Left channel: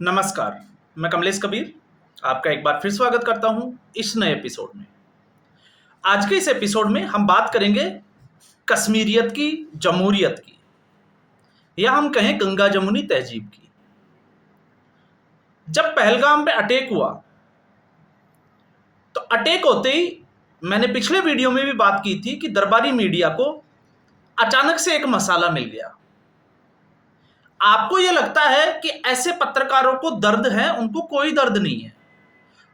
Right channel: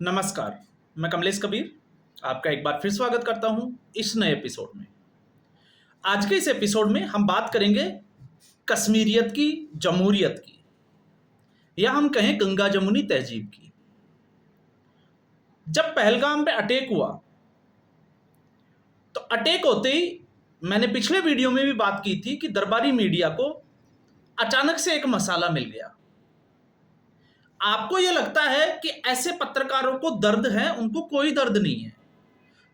नमस्कार, मैं कमलेश कबीर आपका एक बार फिर स्वागत करता हूं इस नए एपिसोड में। आज के इस एपिसोड में हम बात करेंगे कश्मीरियत की, जमहूरियत की, या हम कहें गंगा जमुनी तहजीब की। जब पहलगाम पे अटैक हुआ तो अटैक होते ही मैंने पिछले वीडियो में भी बात की थी कि दरबारी मीडिया को अचानक से एक मसाला मिल गया। आपको यह लगता है कि ऐसे पत्रकारों को दर्द है, उनको कोई दर्द नहीं है।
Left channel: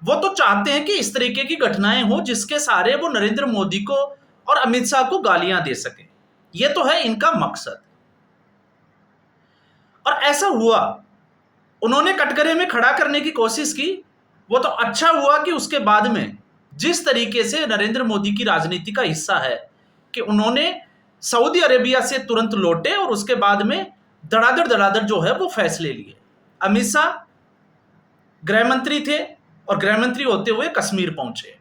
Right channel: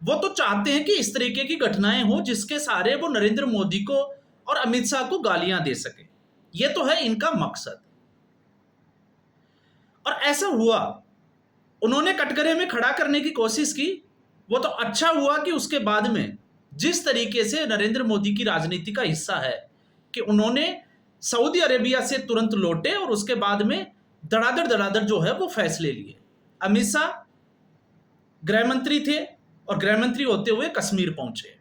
वो तो चाहते हैं कि इस तरीके की घटनाएं हो जिसके सहारे वो नरेंद्र मोदी को और अमित शाह को गालियां दे सके। ये तो है इनका मकसद, और ऐसा हुआ। उन्होंने कटघरे में खड़ा करने की कोशिश की। वो तो अच्छा हुआ कि उसके बाद में जिस तरीके से नरेंद्र मोदी की राजनीति का हिस्सा है कि उन्होंने सऊदी अरेबिया से तुरंत लौटे और उसके बाद में धड़ाधड़ धड़ाधड़ जो है वो फैसले लिए। अमित शाह गृह मंत्री थे और गृह मंत्री होते हुए कश्मीर पहुंचे,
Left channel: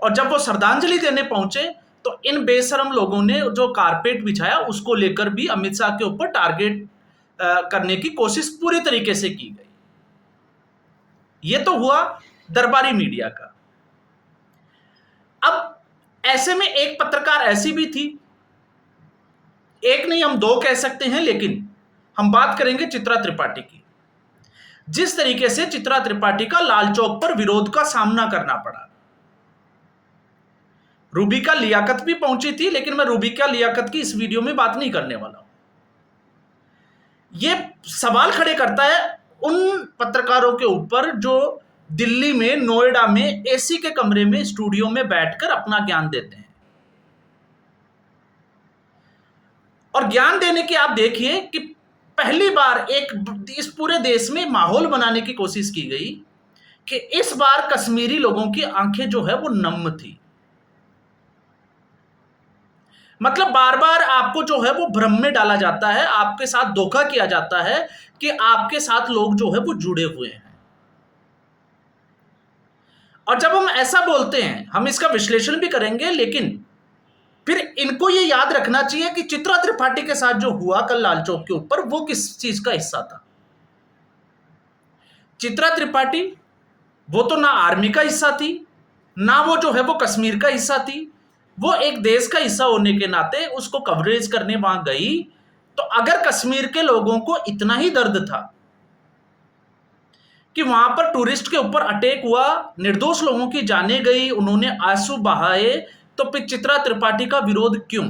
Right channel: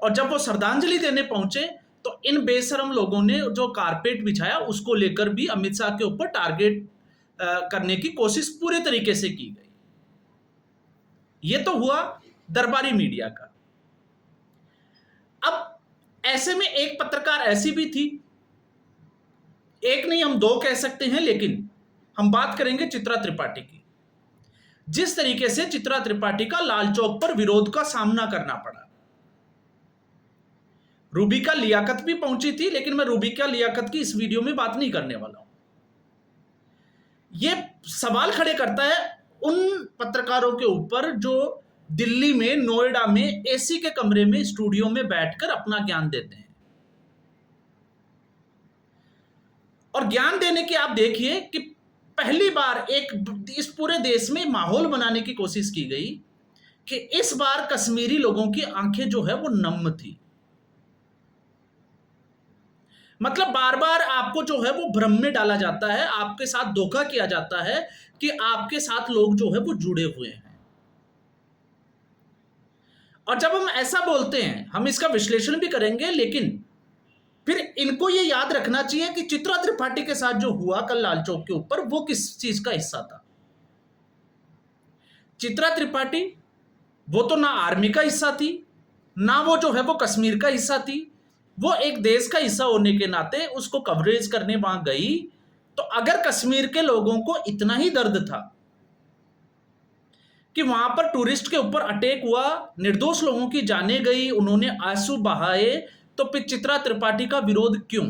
और जब वो श्रद्धांजलि देने पहुंचे तो इन बेशरम लोगों ने जो कारपेट बिछाया उसको लेकर भी अमित शाह के ऊपर टारगेट करने की कोशिश पूरी तरीके से की गई। ये तो हुआ दरबारी मीडिया का। अब ऐसे में एक पत्रकार ऐसी भी थी, एक नहीं हम दो कह सकते हैं, लेकिन हम बात करेंगे चित्रा त्रिपाठी की। जिस तरीके से चित्रा त्रिपाठी का लाल चौक पर विरोध का सामना करना पड़ा। रूबिका लियाकत भी पहुंची थी, लेकिन मैं रूबिका लियाकत की इस वीडियो में बात नहीं करने वाला हूं। यह सवाल खड़े करता है उन पत्रकारों के ऊपर जो दिल्ली में, नोएडा में एसी के कमरे में, स्टूडियो में बैठकर अपना ज्ञान देते हैं। और ज्ञान देने की आप देखिए कि पहली बार इस पूरे देश में माहौल बनाने की कोशिश की गई कि इस बार कश्मीरी लोगों की आंखें जो है वो नम थी। मतलब बार बार आपको जो है वो भ्रम में डाला जाता है, आपके साथ धोखा किया जाता है कि आपके साथ लोग जो है वो जुड़े हुए हैं। और जब हम ऐसा बोलते हैं, हम इसका विश्लेषण भी करेंगे, लेकिन फिर इनको ये याद रखना चाहिए कि चित्रा त्रिपाठी के साथ जो हुआ कल लाल चौक के ऊपर, वो किस चीज का हिस्सा था। चित्रा त्रिपाठी वो तो ना आर्मी का हिस्सा थी, ना वो जो है वो कश्मीर का हिस्सा थी। वो एक देश का हिस्सा होने के नाते उसको कवरेज करने वहां गई। तो अगर कश्मीर के लोगों को इतना ही दर्द था कि वहां पर टूरिस्ट के ऊपर अटैक हुआ, निर्दोष लोगों की जानें गई, उन्होंने आंसू बहाए, तो फिर चित्रा त्रिपाठी का विरोध क्यों?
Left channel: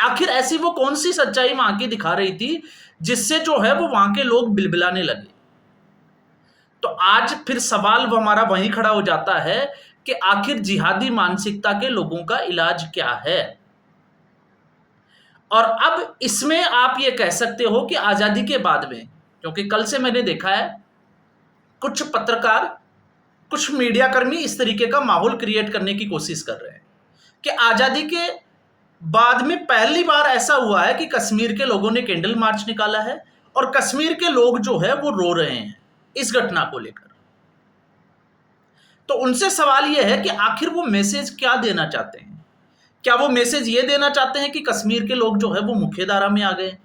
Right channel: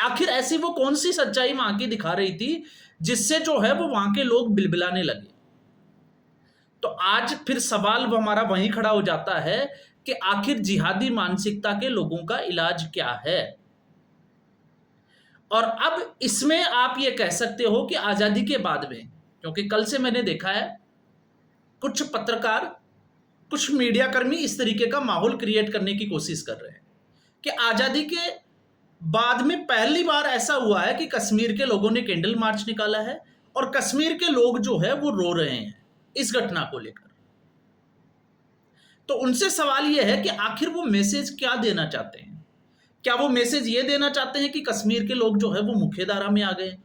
आखिर ऐसी वो कौन सी सच्चाई वहां की दिखा रही थी जिससे जो है वो वहां के लोग बिलबिलाने लगे? तो आज फिर सवाल वो हमारा वहीं खड़ा हो जाता है कि आखिर जिहादी मानसिकता के लोगों का इलाज क्या है। और अब इसमें आप ये कह सकते हो कि आजादी के बाद में, क्योंकि कल से मैंने देखा है कुछ पत्रकार, कुछ मीडिया कर्मी इस तरीके का माहौल क्रिएट करने की कोशिश कर रहे हैं कि आजादी के बाद में पहली बार ऐसा हुआ है कि कश्मीर के लोगों ने कैंडल मार्च निकाला है और कश्मीर के लोग जो है वो रो रहे हैं इस घटना को लेकर। तो उनसे सवाल यह है कि आखिर वो मैसेज क्या देना चाहते हैं? क्या वो मैसेज ये देना चाहते हैं कि कश्मीर के लोग जो है वो मुख्यधारा में आ गए?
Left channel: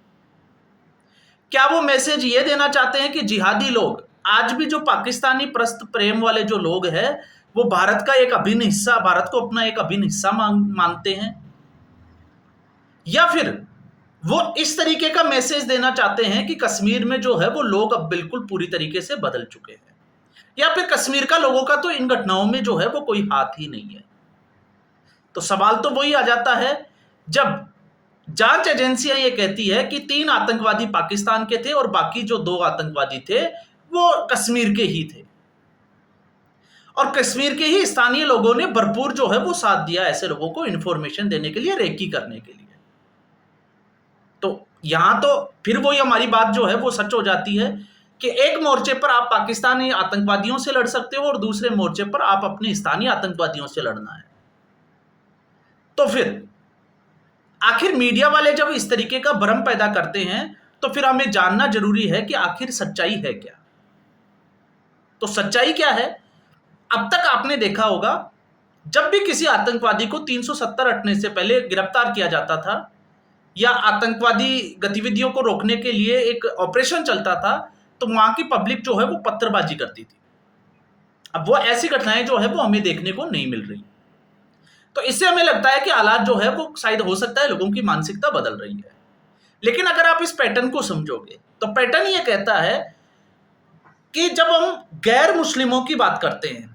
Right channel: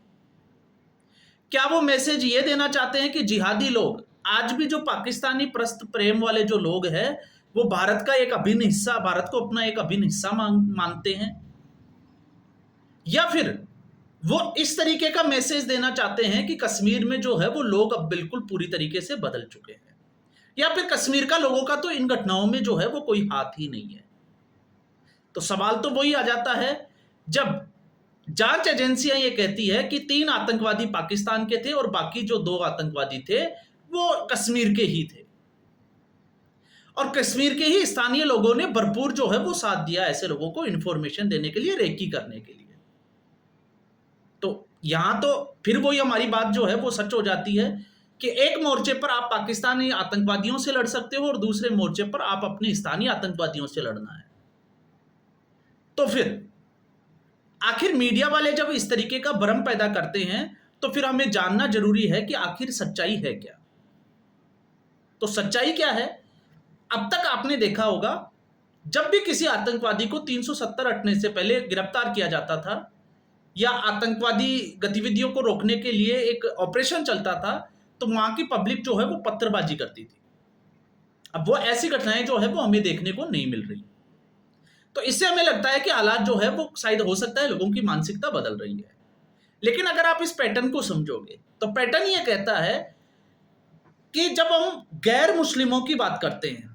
क्या वो मैसेज ये देना चाहते हैं कि जिहादी लोग, आज भी जो पाकिस्तानी प्रस्त प्रेम वाले जो लोग हैं, वो भारत का एक अभिन्न हिस्सा, भारत को अपना एक अभिन्न हिस्सा मानते हैं? या फिर वो इस तरीके का मैसेज देना चाहते हैं कि कश्मीर में जो है वो लोग अब बिल्कुल पूरी तरीके से बदल चुके हैं? या फिर कश्मीर का लोगों का तो इन घटनाओं में जो है वो कोई हाथ ही नहीं है? तो सवाल तो वही आ जाता है जब जांच एजेंसियां ये कहती है कि 3 आतंकवादी पाकिस्तान के थे और बाकी जो 2 आतंकवादी थे वो कश्मीर के ही थे, और कश्मीर के ही स्थानीय लोगों ने भरपूर जो है वो साथ दिया ऐसे लोगों को इंफॉर्मेशन देने के लिए, रेकी करने के लिए। तो यहां तो फिर वही हमारी बात जो है वो सच हो जाती है कि एक मोर्चे पर आप पाकिस्तानी आतंकवादियों से लड़ सकते हो और दूसरे मोर्चे पर आप अपने स्थानीय आतंकवादियों से लड़ना है। तो फिर आखिर मीडिया वाले जब इस तरीके का भ्रम पैदा करते हैं तो फिर हमें जानना जरूरी है कि आखिर सच्चाई है क्या। तो सच्चाई क्या है? अब तक आपने देखा होगा जब भी किसी आतंकवादी को 370 हटने से पहले गिरफ्तार किया जाता था या आतंकवादी गतिविधियों को रोकने के लिए एक ऑपरेशन चलता था, तो वहां की पब्लिक जो है वो पत्थरबाजी करती थी। अब वो ऐसी घटनाएं जो है वो हमें देखने को नहीं मिल रही। तो इससे हमें लगता है कि हालात जो है वो शायद हो सकता है लोगों की मानसिकता बदल रही है। लेकिन अगर आप इस पैटर्न को समझोगे तो पैटर्न ये कहता है कि जब हम गैर मुस्लिमों की बात करते हैं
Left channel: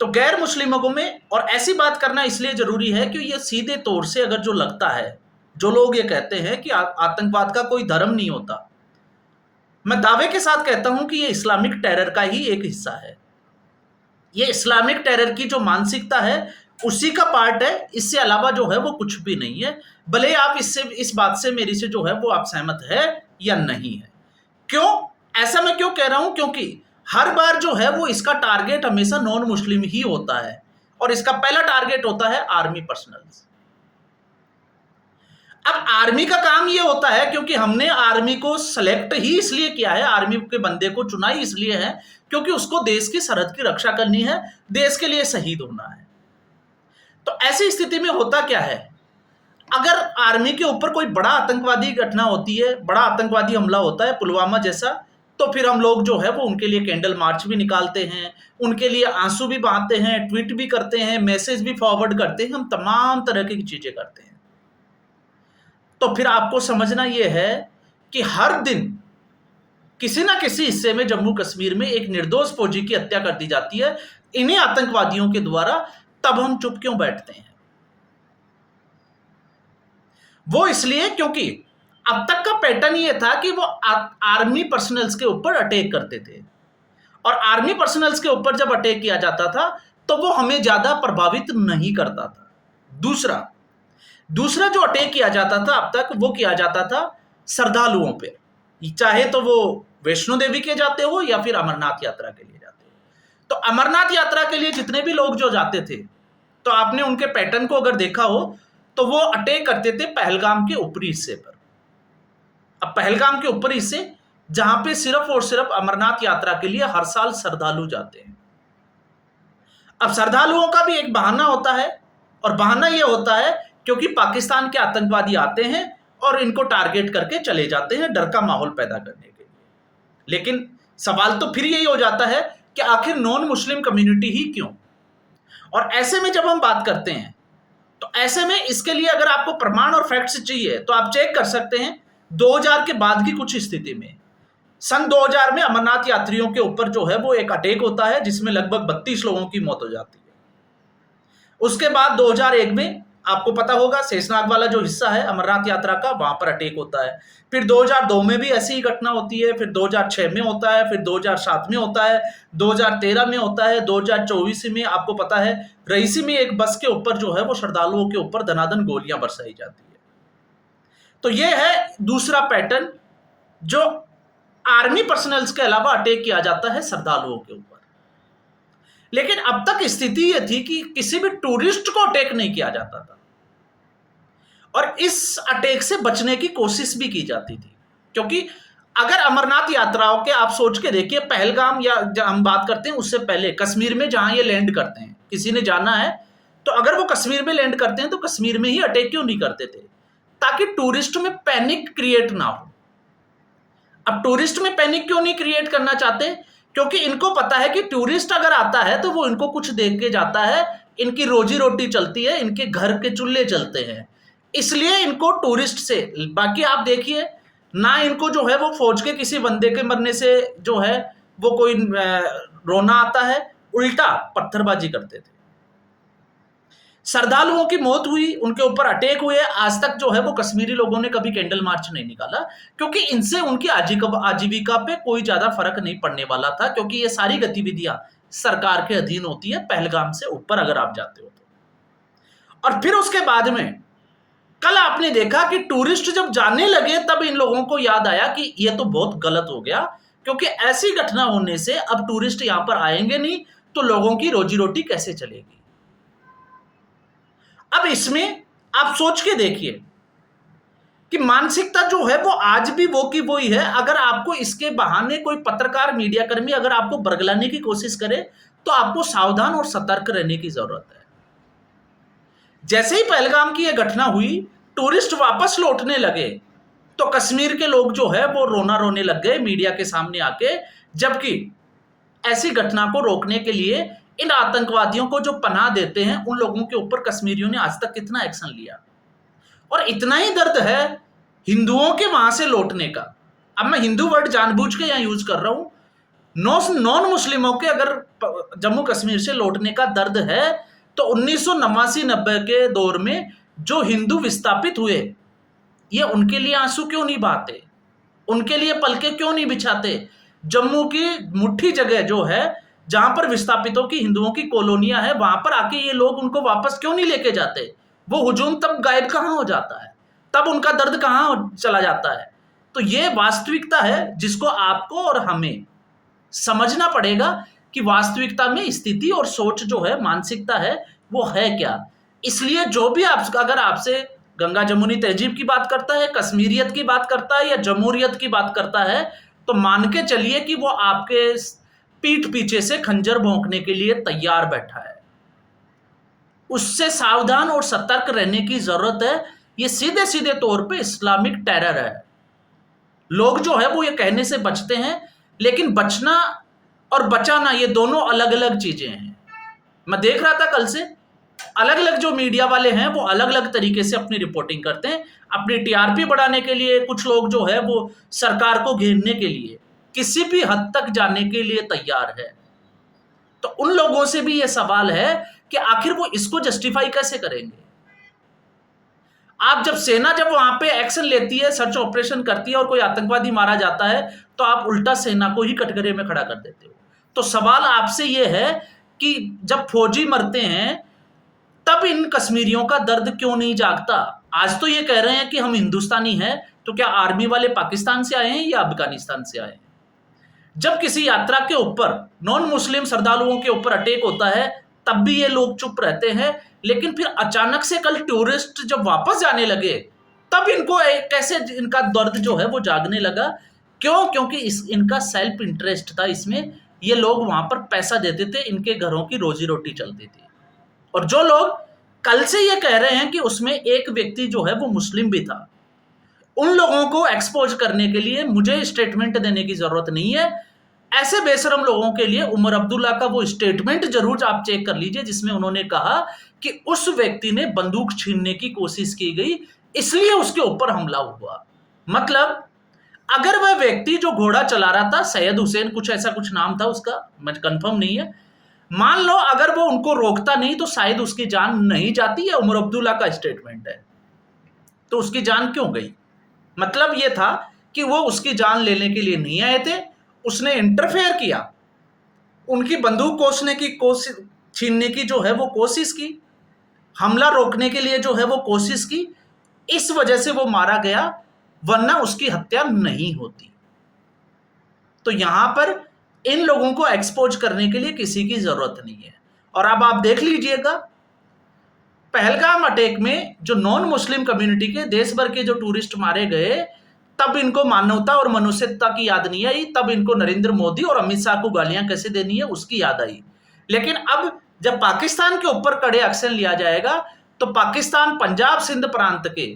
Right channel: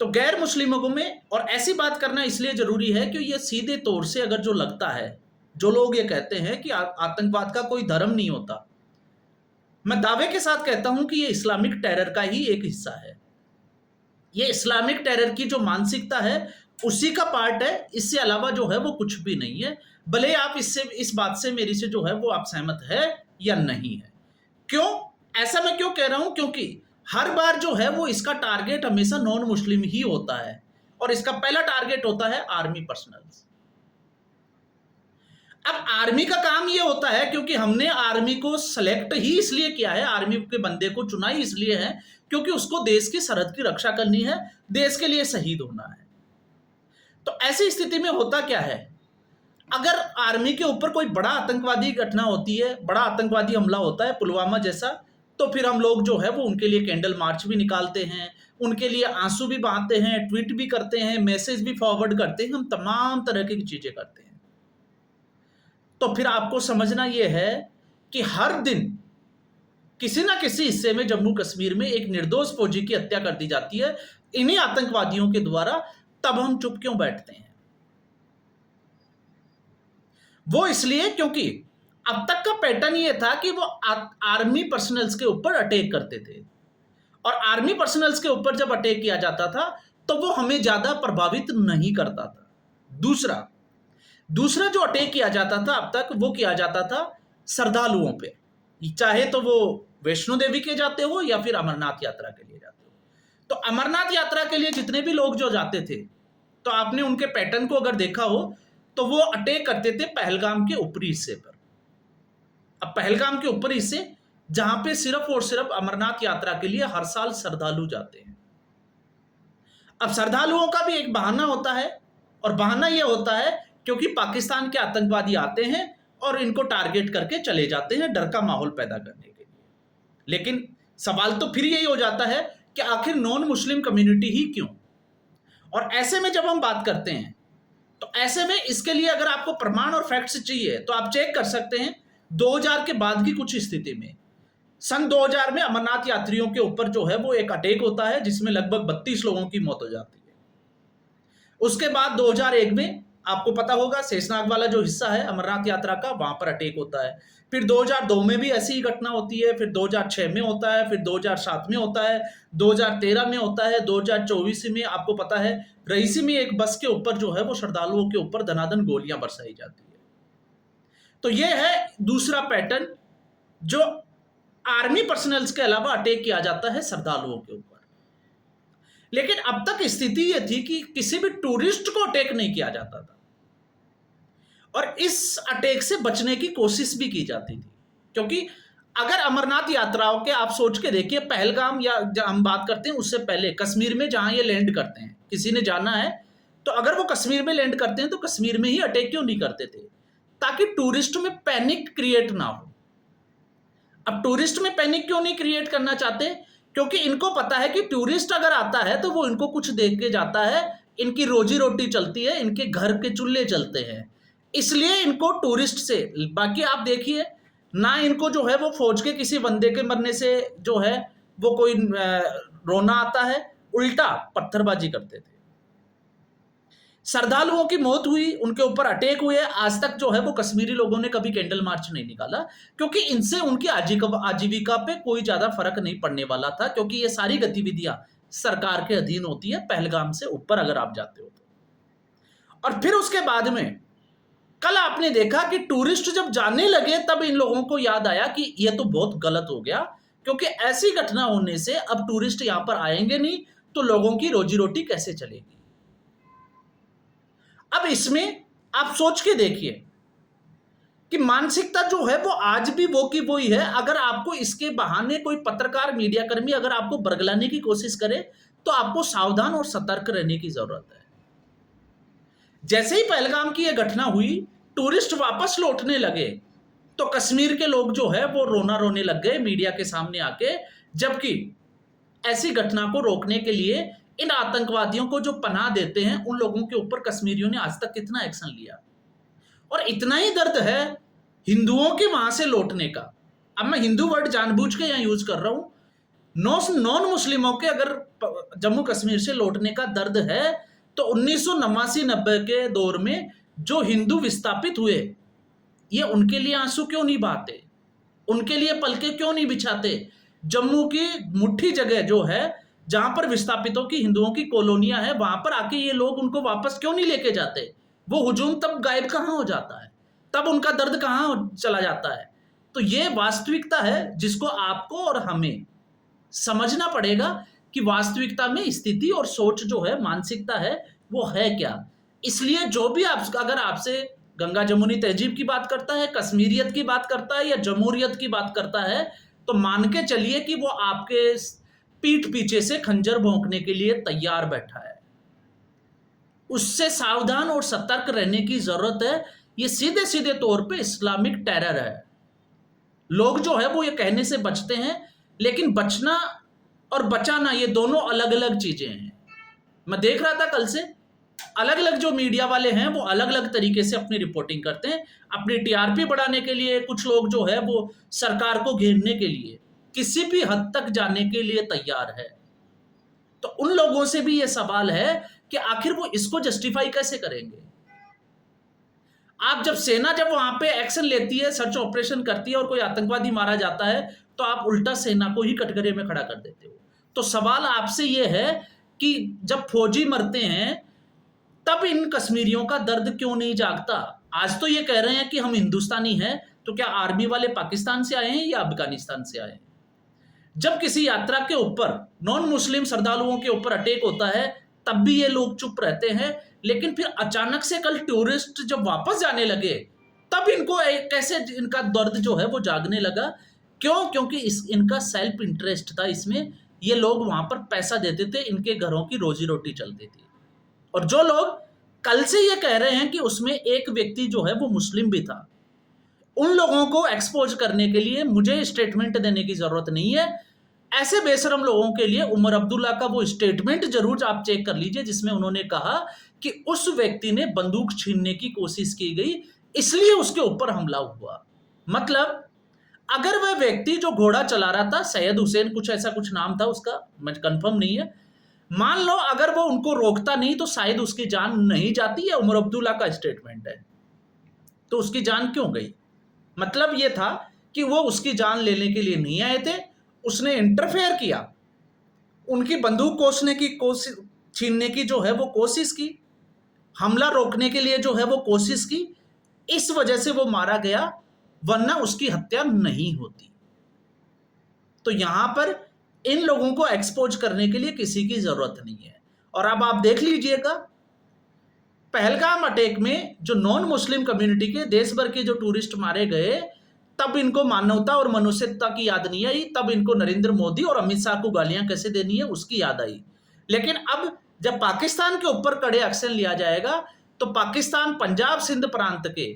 तो गैर मुस्लिमों में, और ऐसी बात करना इसलिए जरूरी है कि ये सीधे तौर से अगर जो लगता है, जो लोग ये कहते हैं कि आतंकवाद का कोई धर्म नहीं होता, मैं दावे के साथ कहता हूं कि ये इस्लामिक टेरर का ही एक हिस्सा है। ये इस्लामिक टेरर की जो मानसिकता है उसी का पार्ट है, इससे अलावा जो है वो कुछ भी नहीं है। भले आप इस बात से मेरी से जो है वो आप सहमत है या नहीं है। क्यों ऐसा मैं क्यों कह रहा हूं? क्योंकि हर बार जो है वो इसका टारगेट हमेशा नॉन मुस्लिम ही होता है, और इसका पहला टारगेट होता है आर्मी पर्सनल्स। अब आर्मी का काम ये होता है, क्योंकि हमने आर्मी को सेलेक्ट ही इसलिए किया है, आर्मी के बंदे को चुना ही इसलिए है क्योंकि उसको देश की सरहद की रक्षा करनी है, देश के लिए शहीद होना है। तो ऐसी स्थिति में होता क्या है, अगर आर्मी के ऊपर कोई बड़ा आतंकवादी घटना होती है, बड़ा आतंकवादी हमला होता है पुलवामा जैसा, तो फिर हम लोग जो है वो उनके लिए कैंडल मार्च भी निकालते हैं, उनके लिए आंसू भी बहाते हैं, ट्वीट भी करते हैं, मैसेज भी फॉरवर्ड करते हैं, हम तमाम तरह की चीजें करते हैं। तो फिर आपको समझना यह है कि हर दिन किसी ना किसी हिस्से में जम्मू कश्मीर में एक निर्दोष फौजी की हत्या कर दी जाती है इन्हीं आतंकवादियों के द्वारा। तब हम चुप क्यों बैठते हैं? वो इसलिए क्योंकि अब तक का पैटर्न ये था कि वो आर्मी पर्सनल्स के ऊपर अटैक करते थे, और आर्मी पर्सनल्स के ऊपर जब अटैक किया जाता था तो वो हमें ज्यादा प्रभावित नहीं करता था। दूसरा जो अटैक किया जाता था अब तक, वो किया जाता था श्रद्धालुओं पे, चाहे तो वो वैष्णो देवी के जाते हो या फिर अमरनाथ यात्रा के लिए जाते हो। तो अमरनाथ यात्रा के लिए जितने भी लोग जो जाते थे, तो आपने उनके पैटर्न को अगर देखा हो तो वो अटैक करते थे पहलगाम के ऊपरी हिस्से पर। अब पहलगाम के ऊपरी हिस्से जहां पे सिर्फ और सिर्फ अमरनाथ यात्रा के लिए हर साल श्रद्धालु जाते हैं। अब श्रद्धालुओं का भी एक बहाना होता है, और बहाना यह होता है क्योंकि पाकिस्तान के आतंकवादी आते हैं और इनको टारगेट करके चले जाते हैं, डर का माहौल पैदा करने के लिए। लेकिन सवाल तो फिर यही हो जाता है कि आखिर नॉन मुस्लिम कम्युनिटी ही क्यों? और ऐसे में जब हम बात करते हैं तो ऐसे में इसके लिए अगर आपको प्रमाण और फैक्ट्स चाहिए तो आप चेक कर सकते हैं 2000 के बाद की कुछ स्थिति में। सन 2000 में अमरनाथ यात्रियों के ऊपर जो है वो एक अटैक होता है जिसमें लगभग 32 लोगों की मौत हो जाती है। उसके बाद 2001 में आपको पता होगा शेषनाग वाला जो हिस्सा है अमरनाथ यात्रा का, वहां पर अटैक होता है। फिर 2002 में भी ऐसी ही घटना होती है, फिर 2006 में होता है, फिर 2007 में होता है, 2013 में होता है, 2024 में आपको पता है रईसी में एक बस के ऊपर जो है वो श्रद्धालुओं के ऊपर धनाधन गोलियां बरसाई जाती है। तो ये है दूसरा पैटर्न, जो आर्मी पर्सनल्स के अलावा अटैक किया जाता है श्रद्धालुओं के ऊपर। लेकिन अब तक स्थिति यह थी कि किसी भी टूरिस्ट को अटैक नहीं किया जाता था, और इस अटैक से बचने की कोशिश भी की जाती थी। क्योंकि अगर अमरनाथ यात्राओं के आप सोच के देखिए, पहलगाम या हम बात करते हैं उससे पहले कश्मीर में जहां ये लैंड करते हैं, किसी ने जाना है तो अगर वो कश्मीर में लैंड करते हैं तो कश्मीर में ही अटैक क्यों नहीं करते थे? ताकि टूरिस्ट में पैनिक क्रिएट ना हो। अब टूरिस्ट में पैनिक क्यों नहीं क्रिएट करना चाहते? क्योंकि इनको पता है कि टूरिस्ट अगर आता है तो वो इनको कुछ देख के जाता है, इनकी रोजी रोटी चलती है, इनके घर के चूल्हे चलते हैं, इसलिए इनको टूरिस्ट से, बाकी आप देखिए ना इनको जो है वो फौज के किसी बंदे के मरने से जो है वो कोई रोना आता है, उल्टा पत्थरबाजी करते थे। श्रद्धालुओं की मौत हुई, उनके ऊपर अटैक हुए, आज तक जो है वो कश्मीरी लोगों ने कभी कैंडल मार्च नहीं निकाला, क्योंकि इनसे उनकी आजीविका पे कोई ज्यादा फर्क नहीं पड़ने वाला था, क्योंकि ये सारी गतिविधियां सरकार के अधीन होती है पहलगाम से ऊपर अगर आप जाते हो तो। और फिर उसके बाद में कल आपने देखा कि टूरिस्ट जब जाने लगे तब इन लोगों को याद आया कि ये तो बहुत गलत हो गया, क्योंकि ऐसी घटना होने से अब टूरिस्ट यहां पर आएंगे नहीं तो लोगों की रोजी रोटी कैसे चलेगी। अब इसमें आप सोच के देखिए कि मानसिकता जो है वो आज भी वो की वही है। अगर आपको इसके बहाने कोई पत्रकार, मीडिया कर्मी अगर आपको बरगलाने की कोशिश करे तो आपको सावधान और सतर्क रहने की जरूरत है। जैसे ही पहलगाम की यह घटना हुई टूरिस्ट वापस लौटने लगे तो कश्मीर के लोग जो है वो रोना रोने लग गए मीडिया के सामने आके, जबकि ऐसी घटना को रोकने के लिए इन आतंकवादियों को जो पनाह देते हैं उन लोगों के ऊपर कश्मीरियों ने आज तक कितना एक्शन लिया। और इतना ही दर्द है हिंदुओं के वहां से लौटने का। अब मैं हिंदू वर्ड जानबूझ के यहां यूज कर रहा हूं। नॉन मुस्लिमों के अगर जम्मू कश्मीर से लौटने का दर्द है तो 1989-90 के दौर में जो हिंदू विस्थापित हुए, ये उनके लिए आंसू क्यों नहीं बहाते, उनके लिए पलके क्यों नहीं बिछाते? जम्मू की मुट्ठी जगह जो है जहां पर विस्थापितों की हिंदुओं की कॉलोनियां है, वहां पर आके ये लोग उनको वापस क्यों नहीं लेके जाते? वो हुजूम तब गायब कहां हो जाता है, तब उनका दर्द कहां चला जाता है? तो ये वास्तविकता है जिसको आपको और हमें समझना पड़ेगा कि वास्तविकता में स्थिति और सोच जो है, मानसिकता है, वो है क्या। इसलिए जो भी अगर आपसे गंगा जमुनी तहजीब की बात करता है, कश्मीरियत की बात करता है या जमहूरियत की बात करता है, तो मान के चलिए कि वो आपके पीठ पीछे से खंजर भोंकने के लिए तैयार बैठा है। उससे सावधान और सतर्क रहने की जरूरत है। ये सीधे सीधे तौर पे इस्लामिक टेरर है। लोग जो है वो ये कहने से बचते हैं, लेकिन बचना और बचाना ये दोनों अलग अलग चीजें हैं। मैं देख रहा था कल से अलग अलग जो मीडिया वाले हैं वो अलग अलग तरीके से अपनी रिपोर्टिंग करते हैं, अपनी टीआरपी बढ़ाने के लिए। कुछ लोग जो है वो सरकार को घेरने के लिए किसी भी हद तक जाने के लिए तैयार है। तो उन लोगों से भी ये सवाल है कि आखिर वो इसको जस्टिफाई कैसे करेंगे? आप जब सेना जब वहां पे एक्शन लेती है, सर्च ऑपरेशन करती है और कोई आतंकवादी मारा जाता है, तो आप उल्टा सेना को ही कटघरे में खड़ा कर देते हो। तो सवाल आपसे यह है कि जब फौजी मरते हैं तब इन कश्मीरियों का दर्द क्यों नहीं जागता? आज तो ये कह रहे हैं कि हम हिंदुस्तानी हैं, तो क्या आर्मी वाले पाकिस्तान से आए हैं या अफगानिस्तान से आए हैं? जब किसी यात्रा के ऊपर नॉन मुस्लिम श्रद्धालुओं के ऊपर अटैक होता है तब भी ये लोग चुप रहते हैं, लेकिन फिर अचानक से कल टूरिस्ट जब वापस जाने लगे तब इनको कैसे इनका दर्द जो है वो जागने लगा? क्यों? क्योंकि इनका सेल्फ इंटरेस्ट था इसमें। ये लोग वहां पर पैसा देते थे, इनके घरों की रोजी रोटी चलती थी। और जो लोग कल से ये कह रहे हैं कि उसमें एक व्यक्ति जो है वो मुस्लिम भी था, उन लोगों को एक्सपोज करने के लिए मुझे स्टेटमेंट देने की जरूरत नहीं है। ऐसे बेशरम लोगों के लिए उमर अब्दुल्ला का वो स्टेटमेंट जरूर आप चेक कर लीजिए, जिसमें उन्होंने कहा कि उस व्यक्ति ने बंदूक छीनने की कोशिश की गई, इसलिए उसके ऊपर हमला हुआ। मतलब अगर वह व्यक्ति जो घोड़ा चला रहा था, सैयद हुसैन कुछ ऐसा कुछ नाम था उसका, मैं कंफर्म नहीं है, मान लो अगर वो उनको रोकता नहीं तो शायद उसकी जान नहीं जाती। है उमर अब्दुल्ला का स्टेटमेंट है। तो उसकी जान क्यों गई? मतलब ये था कि वो उसकी जान लेने के लिए नहीं आए थे, उसने इंटरफेयर किया, उनकी बंदूक कोसने की कोशिश, छीनने की जो है वो कोशिश की, हमला रोकने के लिए जो है वो कोशिश की, इस वजह से वो मारा गया, वरना उसकी हत्या नहीं होती। तो यहां पर इन लोगों को एक्सपोज करने के लिए किसी की जरूरत नहीं है। और अब आप देख लीजिएगा पहलगाम अटैक में जो नॉन मुस्लिम कम्युनिटी के देश भर के जो टूरिस्ट मारे गए, तब इनको मानवता और मनुष्यता की याद नहीं आई, तब इनको नरेंद्र मोदी और अमित शाह को गालियां कैसे देनी है उसकी याद आई। लेकिन अब जब पाकिस्तान के ऊपर कड़े एक्शन लिया जाएगा तो पाकिस्तान पंजाब सिंध प्रांत के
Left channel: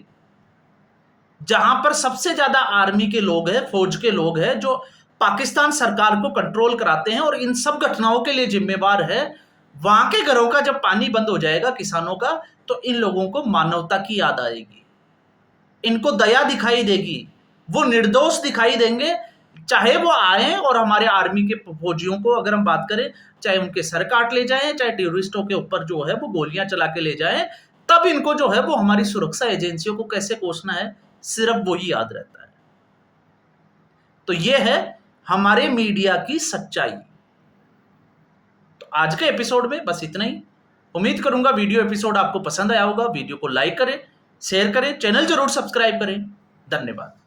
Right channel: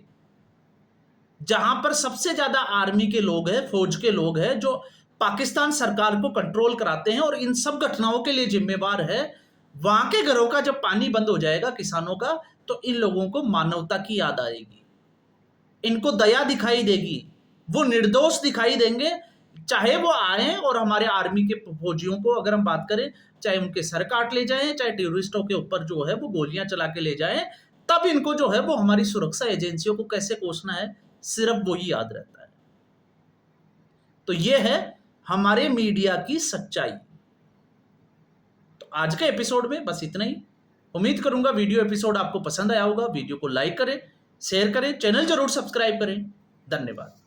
जहां पर सबसे ज्यादा आर्मी के लोग हैं, फौज के लोग हैं, जो पाकिस्तान सरकार को कंट्रोल कराते हैं और इन सब घटनाओं के लिए जिम्मेवार है, वहां के घरों का जब पानी बंद हो जाएगा किसानों का, तो इन लोगों को मानवता की याद आएगी, इनको दया दिखाई देगी, वो निर्दोष दिखाई देंगे। चाहे वो आए और हमारे आर्मी के फौजियों को अगर हम बात करें, चाहे उनके सर काट ले जाएं, चाहे टेररिस्टों के ऊपर जो है वो गोलियां चला के ले जाएं, तब इनको जो है वो हमारी सुरक्षा एजेंसियों को कैसे कोसना है, सिर्फ वो ही याद रहता है। तो ये है हमारे मीडिया की सच्चाई। तो आज के एपिसोड में बस इतना ही। उम्मीद करूंगा वीडियो एपिसोड आपको पसंद आया होगा। वीडियो को लाइक करें, शेयर करें, चैनल जरूर सब्सक्राइब करें। धन्यवाद।